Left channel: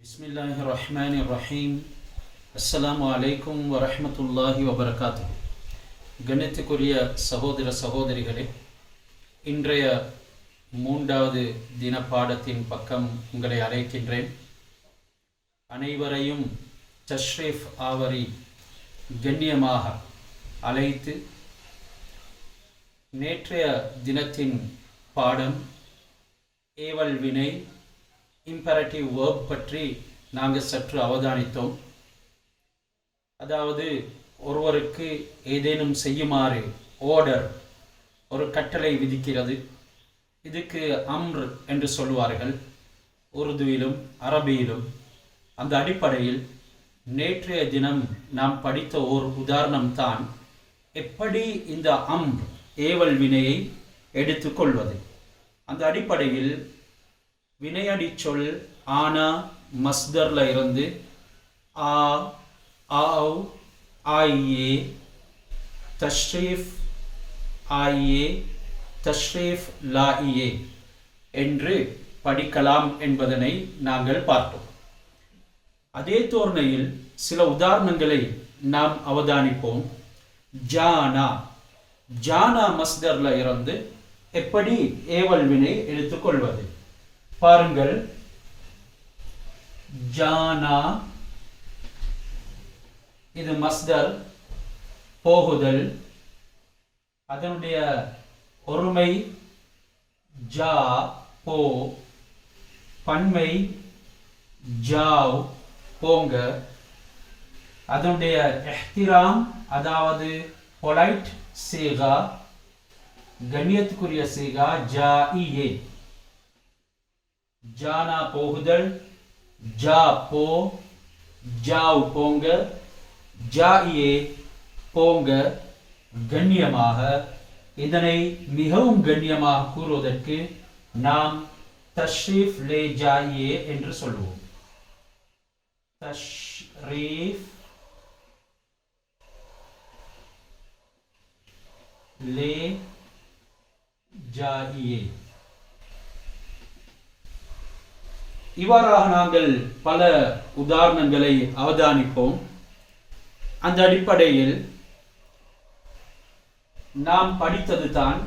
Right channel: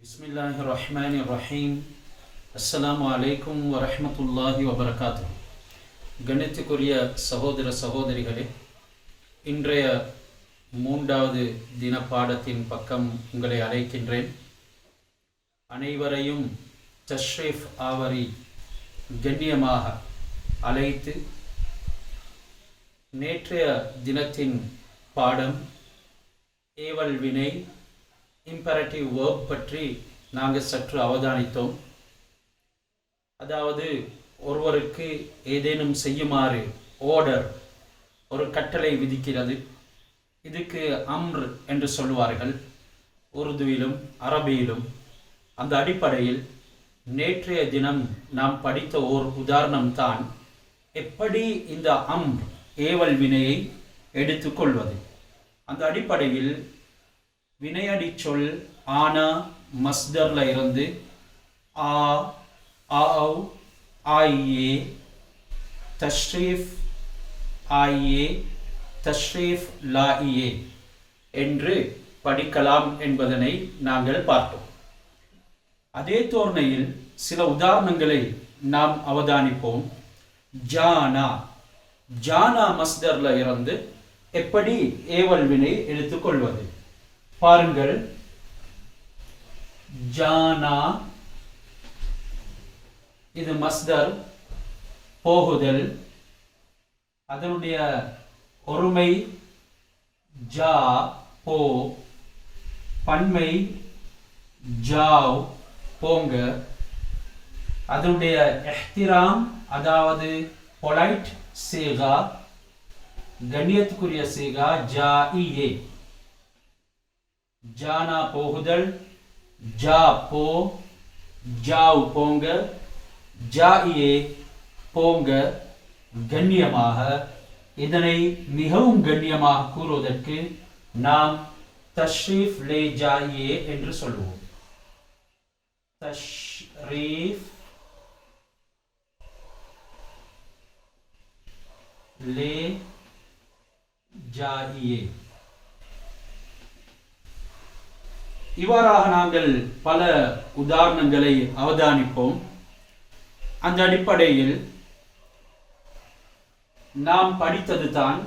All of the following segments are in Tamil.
பிஸ்மில்லாஹிர்ரஹ்மானிர்ரஹீம். அஸ்ஸலாமு அலைக்கும் வரஹ்மத்துல்லாஹி வபரகாத்துஹு. கண்ணியத்துக்குரிய சகோதர சகோதரிகளே, இன்றைய 3வது தின பாடத்தின் பக்கம் உங்களை அழைக்கின்றேன். அனைவரையும் தஷ்ரீஃப் ஆவரி கண்ணியமாக அழைத்து நேற்றைய தினத்தின் பாடம் ஏவல் வினை இம்பரேட்டிவ் வேர்ப் பற்றி நாங்கள் சற்று அவதானித்தோம். அதாவது ஒருவருக்கு ஏதேனும் செய்யுமாறு ஆர்டர், ஒரு கட்டளை விதிக்கிறது. இதுக்கு அம்ர் என்று சொல்வார்கள் உருதுவிலும் அரபியிலும். அந்த அடிப்படையில் நேற்றைய தினம் நாம் படித்த ஓர் உதாரணம்தான் எப்படி இந்த அம்ர் ஏவல் வினையை எடுத்துக்கொள்வது. அந்த அடிப்படையில் வினையடி சொல் ஆனா மஸ்தர்ல இருந்து ஆ, ஆவ், ஆயே, தஷ்ரீஃப், ஆயே, தஷ்ரீஃப், லாயே என்று படிக்கலாம் என்பதனை நாங்கள் பார்த்தோம். அதே தோரணையில் சில உதாரணங்களை நாம் அவதானிப்போம். ஜானா, ஜானா மஸ்தர்ல இருந்து எப்படி ஏவல் வினை எடுத்துக்கொள்வது பாருங்கள். ஜானா இது மஸ்தர், போகுதல். அதனுடைய ஒருமை ஜா, போ. பன்மை ஜாவ், போங்க. அதனுடைய இஹ்திராம், அதாவது பொலைட் சீகா, கண்ணியத்துக்குரிய சீகா ஜாஇயே. ஜானா போகுதல், ஜா போ, ஜாவ் போங்க, ஜாஇயே போங்க கண்ணியமாக. இதனை மிகவும் கண்ணியமாக கூறுவதற்கு நாம் தஷ்ரீஃப் லே ஜாஇயே என்று சொல்லுவோம். தஷ்ரீஃப் லே ஜாஇயே. இவ்வாறாக நாங்கள் பல உதாரணங்களை அவதானிப்போம். அந்த அடிப்படையில் நாம் படித்தது தான்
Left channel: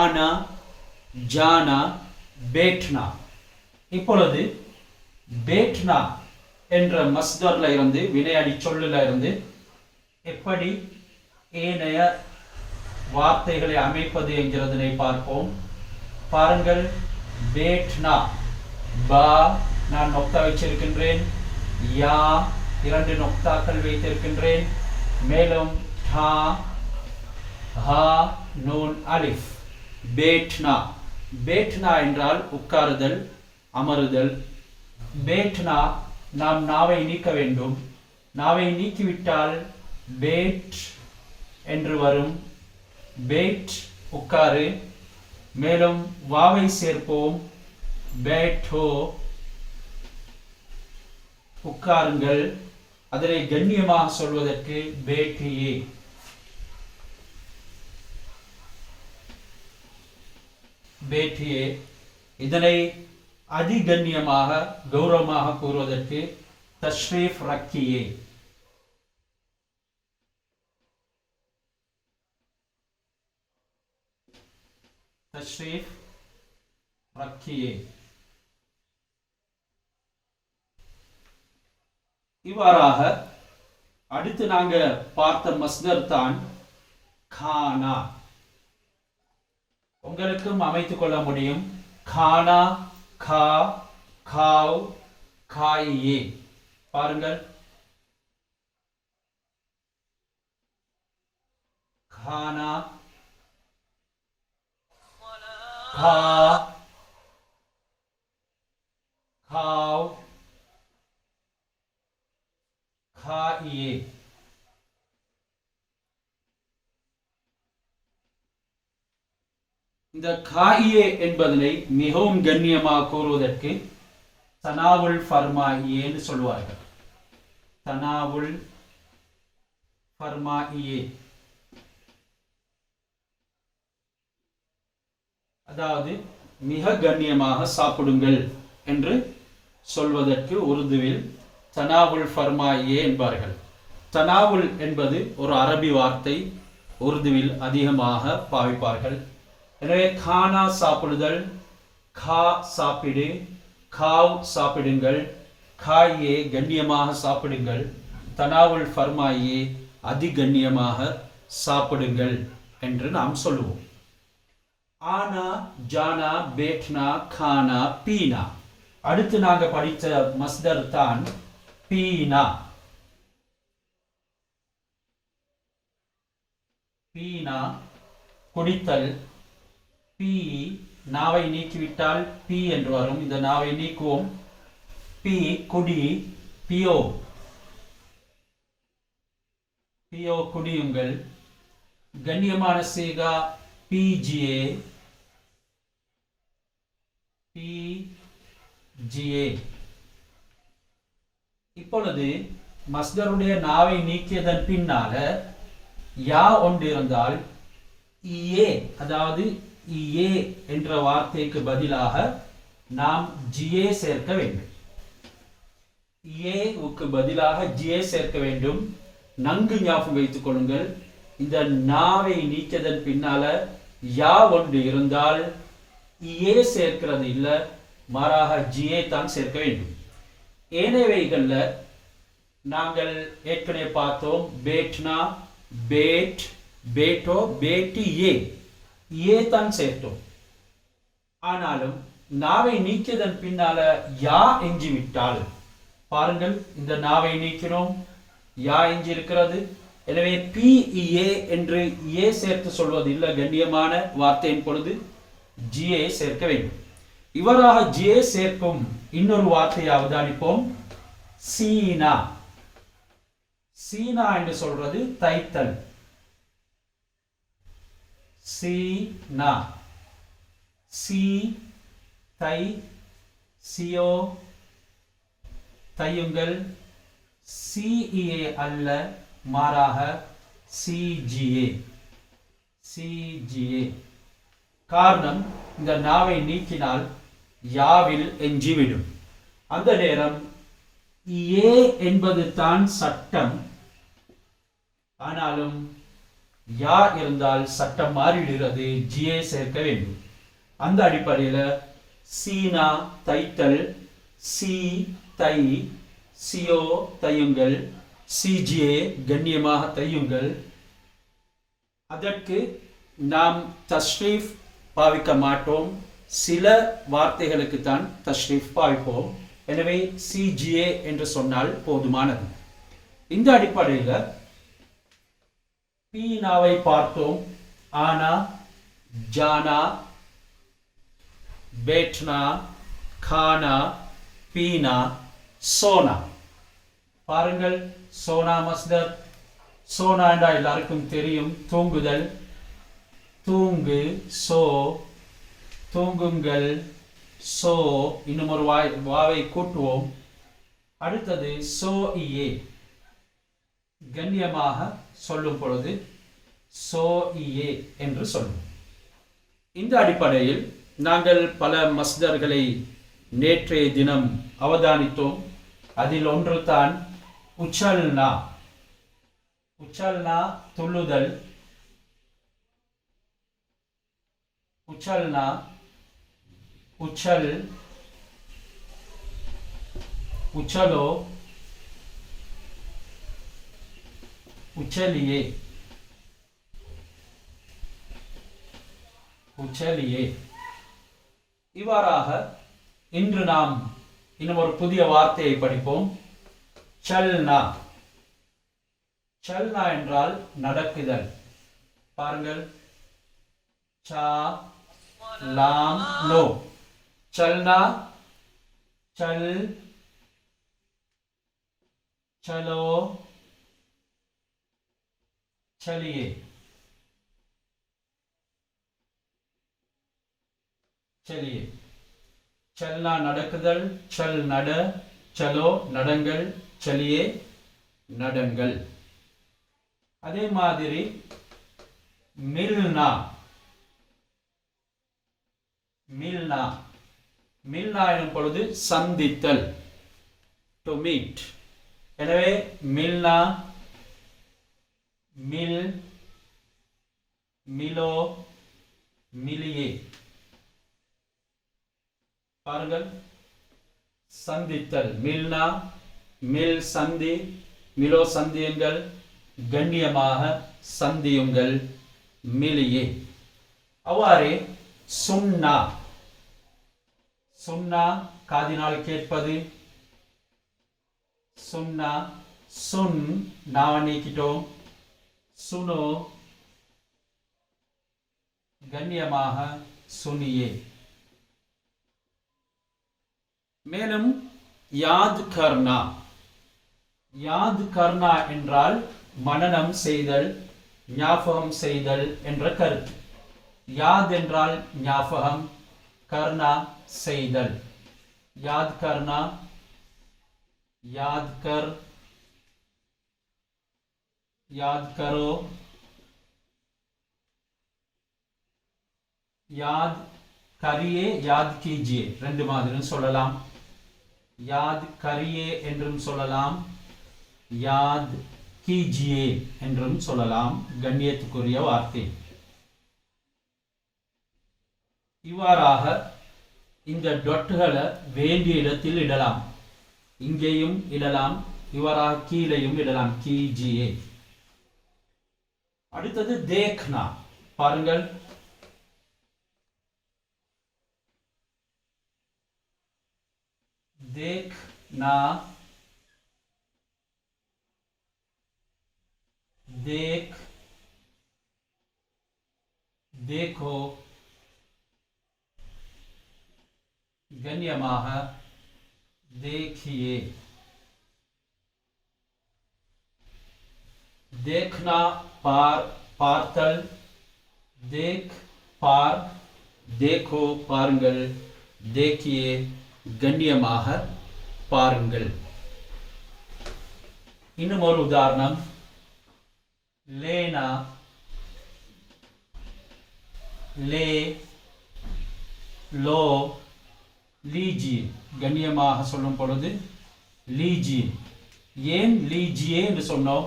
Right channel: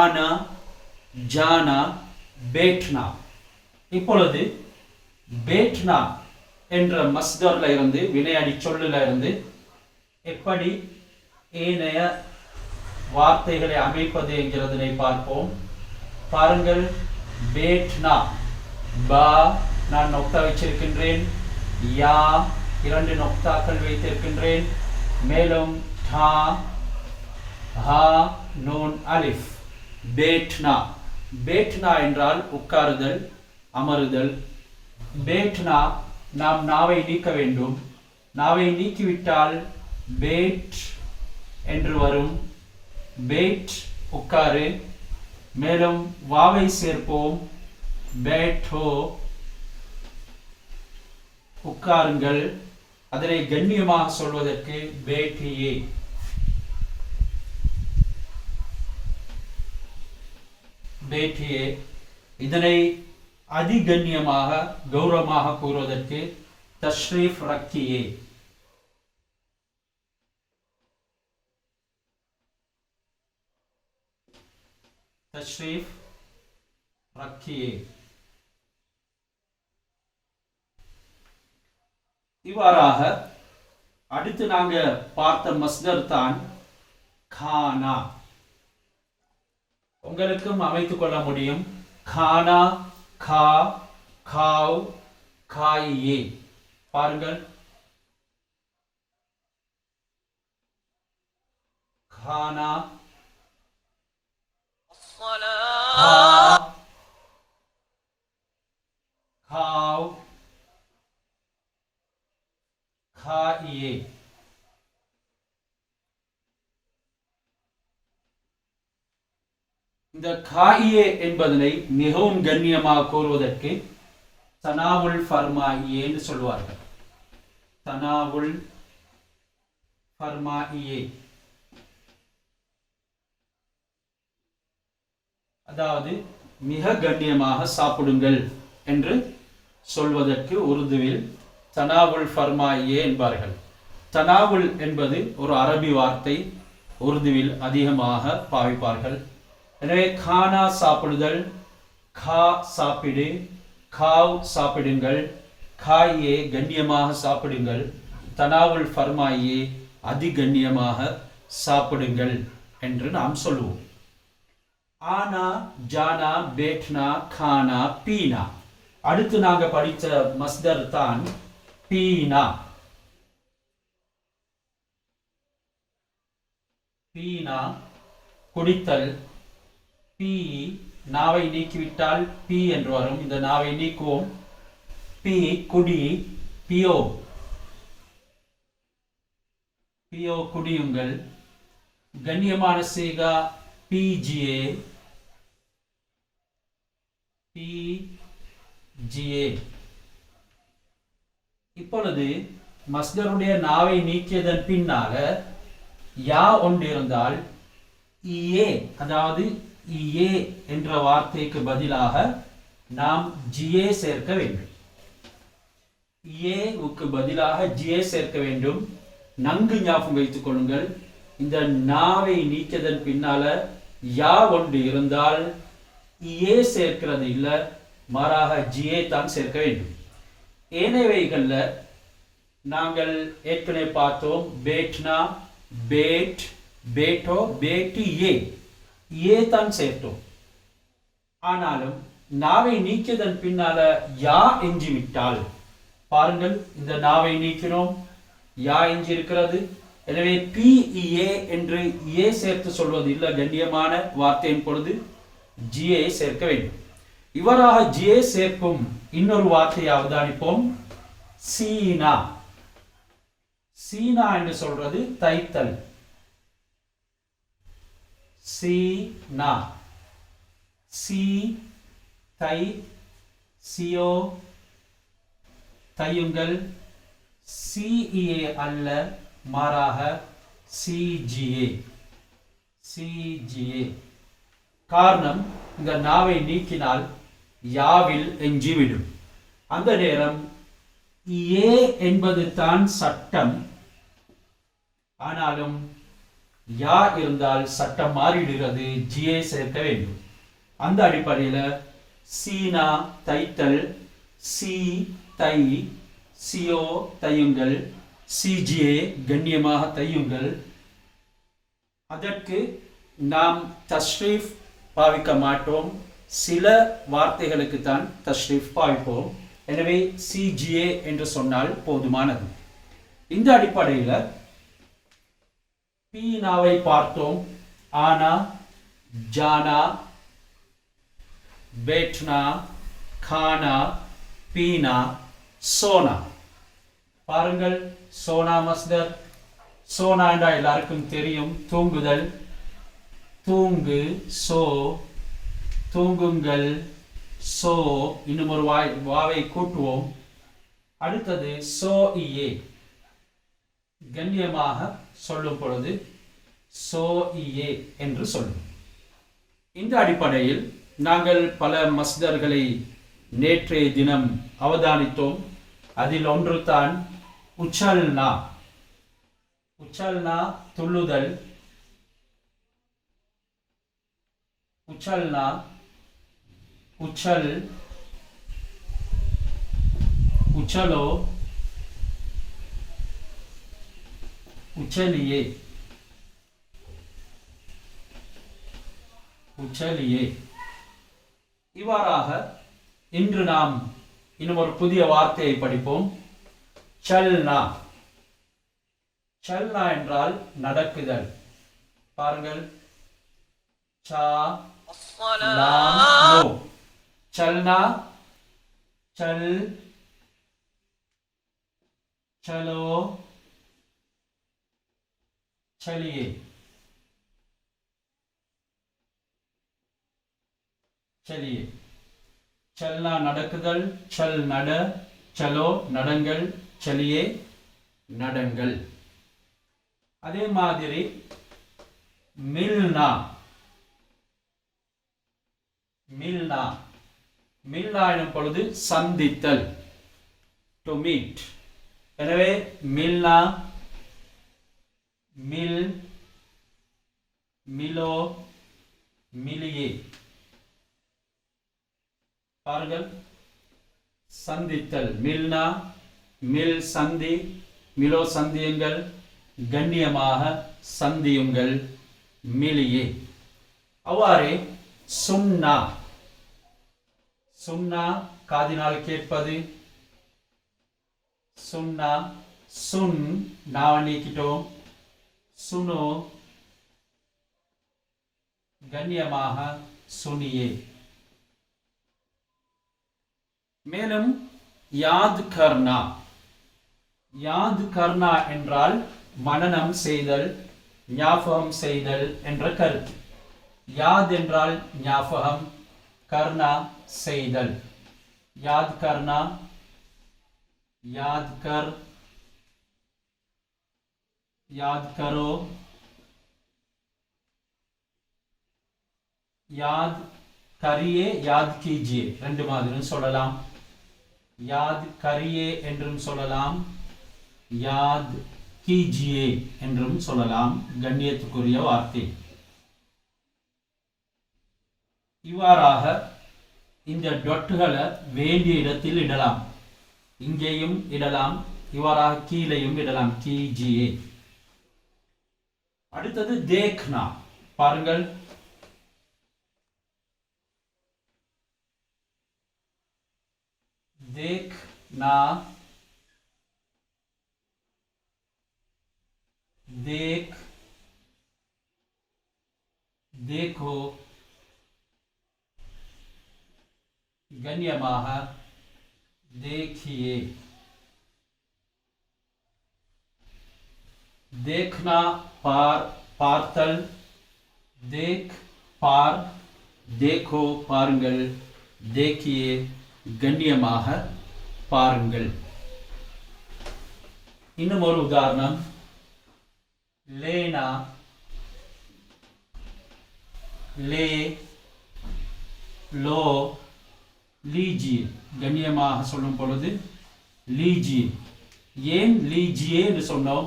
ஆனா, ஜானா, பேட்னா. இப்பொழுது பேட்னா என்ற மஸ்தர்ல இருந்து, வினையடி சொல்லுல இருந்து எப்படி ஏனைய வார்த்தைகளை அமைப்பது என்கிறதனை பார்ப்போம். பாருங்கள். பேட்னா, பா நான் நொக்தா வச்சிருக்கின்றேன், யா 2 நொக்தாக்கள் வைத்திருக்கின்றேன், மேலும் தா, ஹா, நூன், அலிஃப். பேட்னா, பேட்னா என்றால் உட்காருதல், அமருதல். பேட்னா நாம் நாவை நீக்க வேண்டும். நாவை நீக்கிவிட்டால் பேட் என்று வரும். பேட் உட்காரு. மேலும் வாவை சேர்ப்போம். பேட்டோ உட்காருங்கள். அதனை கண்ணியமாக சொல்வதற்கு பேட்டியே. பேட்டியே. இதனை அதிகண்ணியமாக கௌரவமாக கூறுவதற்கு தஷ்ரீஃப் ரக்கியே. தஷ்ரீஃப் ரக்கியே. இவ்வாறாக அடுத்து நாங்க பார்த்த மஸ்தர் தான் கானா. உங்களுக்கும் அமைத்துக் கொள்ள முடியும். கானா, கா, காவ், காயே. பாருங்கள். கானா, கா, காவ், காயே. இந்த காயே என்பதனை மிகவும் கண்ணியமாக கூறுவதற்கு தனாவுல் ஃபர்மாயியே என்று சொல்வார்கள். தனாவுல் ஃபர்மாயியே, அதாவது மிக கண்ணியமாக சாப்பிடுங்கள் என்று சொல்வதற்கு உருதுவில் தனாவுல் ஃபர்மாயியே என்பார்கள். தனாவுல் என்பது ஒரு அரபி வார்த்தை, உருதுவில் அதிகமாக பாவிப்பார்கள். எனவே கானா சாப்பிடுதல், கா சாப்பிடு, காவ் சாப்பிடுங்கள், காயே கண்ணியமாக சாப்பிடுங்கள், தனாவுல் ஃபர்மாயியே அதிகண்ணியமாக சாப்பிடுங்கள் என்று நாம் சொல்லுவோம். ஆனா, ஜானா, பேட்னா, கானா, பீனா. அடுத்து நாங்க படித்த மஸ்தர் தான் பீனா. பீனா குடித்தல். பீ நாவை நீக்கிவிட்டால் பீ என்று வரும். இந்த நாவை நீக்குவோம். பீ குடி, பியோ பியோ குடியுங்கள். கண்ணியமான சேகா பிஜிஏ, பிஜிஏ. இப்பொழுது மஸ்தருடைய நாவை நீக்கியதன் பின்னால யா ஒன்று இருந்தால் இயே, அதாவது இயே என்ற வார்த்தைக்கு பதிலாக நாம் ஜியே சேர்க்க வேண்டும். இயேவுக்கு பதிலாக ஜியே சேர்க்க வேண்டும். நன்கு ஞாபகம் வைத்துக் கொள்ளுங்கள். இந்த நாவை நீக்கியதன் பின்னால யா ஒன்று இருந்தால் இயே சேர்க்கிறது இல்லை, மாறாக ஜியே தான் சேர்க்க வேண்டும். ஏனையவைகள்ல நாங்கள் ஏற்கனவே பார்த்தோம். பேட்னா, பேட், பேட்டோ, பேட்டி, ஏ தான் சேர்த்தோம். ஆனாலும் நாவை நீக்கியதன் பின்னால யா எஞ்சி விட்டால் பாருங்கள், இந்த நாவை நீக்கினோம், யா எஞ்சி இருக்கிறது. எனவே பி ஏ என்று ஏ சேர்த்து சொல்வது இல்லை. கண்ணியமான வார்த்தையின் பொழுது ஜிஏ சேர்க்க வேண்டும். இவராக ஜிஏ சேர்க்கும் இன்னொரு வார்த்தையை அவதானிப்போம். சீனா. சீனா என்று சொல்றது தைத்தல். சீனா. சி தை, சியோ தையுங்கள். சிஏ அல்ல, மாறாக சிஜிஏ, சிஜிஏ. காரணம், இந்த நாவை நீக்கினால் யாவில் எஞ்சிவிடும். அந்த நேரம் ஏ என்பது தான் சட்டம். ஆனாலும் யா இருந்தால் சட்டம் மாறிடுகிறது, ஜிஏ சேர்க்க வேண்டும். அந்த அடிப்படையில் சீனா தைத்தல், சி தை, சியோ தையுங்கள், சிஜிஏ கண்ணியமாக தையுங்கள். அதற்கு நாம் தஸ்ரீஃப் பாவிக்க மாட்டோம். சில வார்த்தைகளுக்கு தான் தஸ்ரீஃப் பாவிப்போம். எனவே சிஜிஏ என்று சொன்னால் போதுமானது. இந்த அடிப்படையில் பீனாவை பார்த்தோம். ஆனா, ஜானா, பேட்னா, கானா, பீனா, சோனா. பாருங்கள், சோனா மஸ்தர். சோனா என்றா எல்லாருக்கும் தெரியும், தூங்குதல். தூங்கு, சோ, தூங்குங்கள், சோ. இன்னும் ஒரு வாவை கூட்டுவோம். அடுத்தது சோ இயே. கண்ணியமாக சொல்லும் பொழுது சோ இயே என்று சொல்லும். இந்த அடிப்படையில் நாங்கள் பல மஸ்தர்களை நேற்றைய தினம் அவதானித்தோம். அதில் ஒன்று தான் உச்சல்னா. உச்சல்னா துள்ளுதல். உச்சல்னா, உச்சல், உச்சலோ, உச்சலியே, உச்சலியே. இவ்வாறாக இன்று நாம் இன்னும் ஒரு புதிய வார்த்தையை படிப்போம். சல்னா. சல்னா என்றால் நடக்குதல். பாருங்கள், சா லாம் லோ. चलना, चल, चलो, चलिए, चलिए. चलना நடக்குதல், चल நட, चलो நடங்கள், चलिए நடங்கள். அதே மாதிரி मिलना, मिलना மில்னா எனும் பொழுது சந்தித்தல், டு மீட். எனவே மில்னா, மில், மிலோ, மிலியே. பாருங்கள், சந்தித்தல், மில்னா, மில் சந்தி, மிலோ சந்தியுங்கள், கண்ணியமாக சந்தியுங்கள், மிலியே. அவ்வாறே சுன்னா, சுன்னா காதினால் கேட்பது, சுன்னா, சுன் நாவ நீக்கிட்டோம், சுனோ கண்ணியமாக சுனியே. மேலும் யாத் கர்னா, யாத் கர்னா என்றால் மனனம் செய்தல், ஞாபகம் செய்தல் என்ற கருத்து. யாத் என்றால் ஞாபகம், கர்னா செய்தல். யாத் கர்னா, याद कर, याद करो, याद करिए, याद कीजिए. ரெண்டு மாதிரியும் சொல்லலாம். யாத் கரியே என்றும் சொல்லலாம், யாத் கீஜியே என்றும் சொல்லலாம். கண்ணியத்துக்குரிய வார்த்தை. இவ்வாறாக இந்த டொட்டுகளை வேண்டிய இடத்தில் இடலாம். இங்கேயும் இடலாம், இவ்வாறாக கீழையும் இடலாம். கீஜியே. அடுத்தது தேக்னா. பாருங்கள், देखना, देख, देखो, गण्यमाह देखिए. देखना पार, பார்த்தல், देख पार, देखो பாருங்கள், देखिए கண்ணியமாக பாருங்கள். இன்னும் ஒரு உதாரணம், लेना, ले, लो, लीजिए. கண்ணியமாக சொல்லும் பொழுது லீஜியே. ஏன் லீஜியே என்று சொன்னோம்?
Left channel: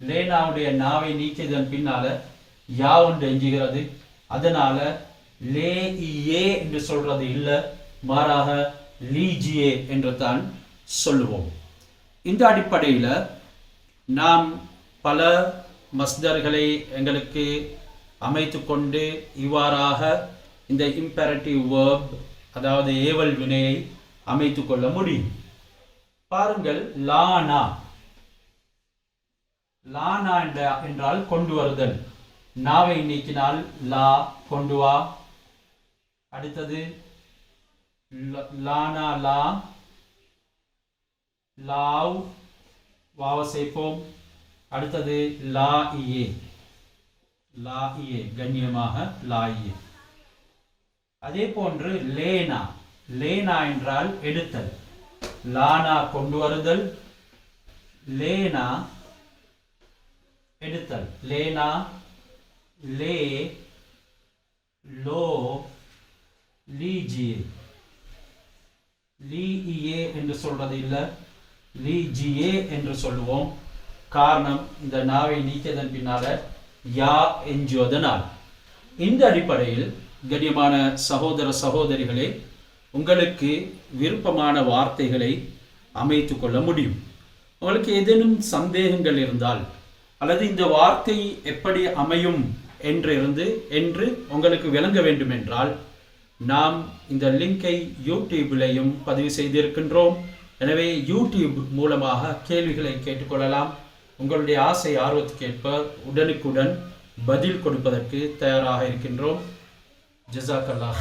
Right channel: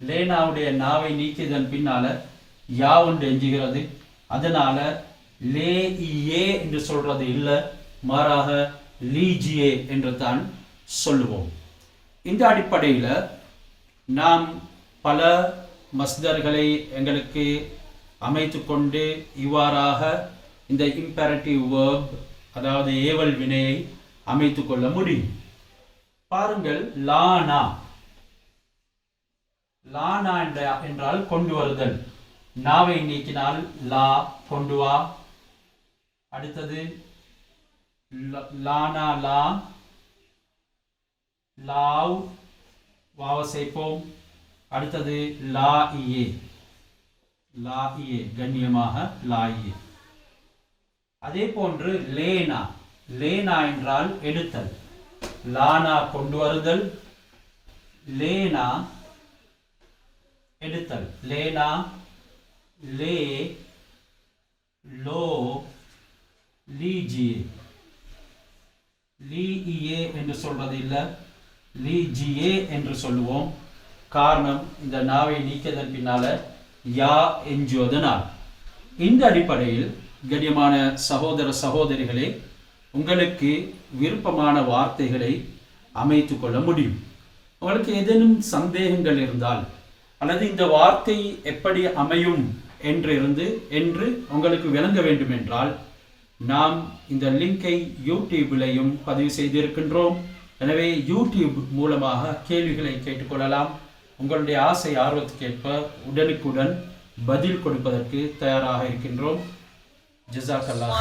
லேனாவுடைய நாவை நீக்கியதன் பின்னால யா ஒன்று எஞ்சுகிறது. அதனால லே ஏ என்று சொல்றது இல்லை, மாறாக லீஜியே என்று தான் சொல்லுவோம். இந்த அடிப்படையில் நாம் பல மஸ்தர்களை எங்களுக்கு அமைத்து கொண்டு இவ்வாறாக இந்த இம்பேரட்டிவ் வேர்ப், அதாவது ஏவல் வினையை அமைத்து கொள்ள முடியும். பாருங்கள், லானா, லானா என்றால் கொண்டு வருதல். நாவை நீக்கினால் லா, கொண்டு வா. அடுத்தது லானா, லா, லாவ், வாவ சேர்ப்போம். அடுத்தது லா இயே, லா இயே கண்ணியமாக லா இயே. அதே போன்று லேனா, லேனா என்றால் எடுத்தல். லானா கொண்டு வருதல், லேனா எடுத்தல். லேனா, லே, லோ, லீஜியே. லீஇயே என்று சொல்றது இல்லை, லீஜியே என்று சொல்லுவோம். காரணம், இந்த நாவை நீக்கியதன் பின்னால யா எஞ்சுவதனால். இந்த அடிப்படையில் கண்ணியமான சகோதர சகோதரிகளே, உங்களுக்கு விருப்பமான வார்த்தைகளை அமைத்து கொள்ள முடியும். உங்களுக்கு ஏதேனும் சந்தேகங்கள் இருந்தால், அல்லது இந்த வார்த்தை எப்படி அமையும் என்று உங்களுக்கு விளங்க வேண்டும் என்றால், நாம் இந்த லிங்கை யூடியூபிலையும் பதிவு செய்திருக்கின்றோம். எனவே யூடியூப் மூலமாக கேள்விகளை கேட்டுக்கொள்ளலாம். உங்களுடைய ஆசை ஆர்வத்துக்கேற்ப உடனுக்குடன் பதில் கொடுப்பதற்கு தயாராக இருக்கின்றோம். ஜஸாக்கல்லாஹ்.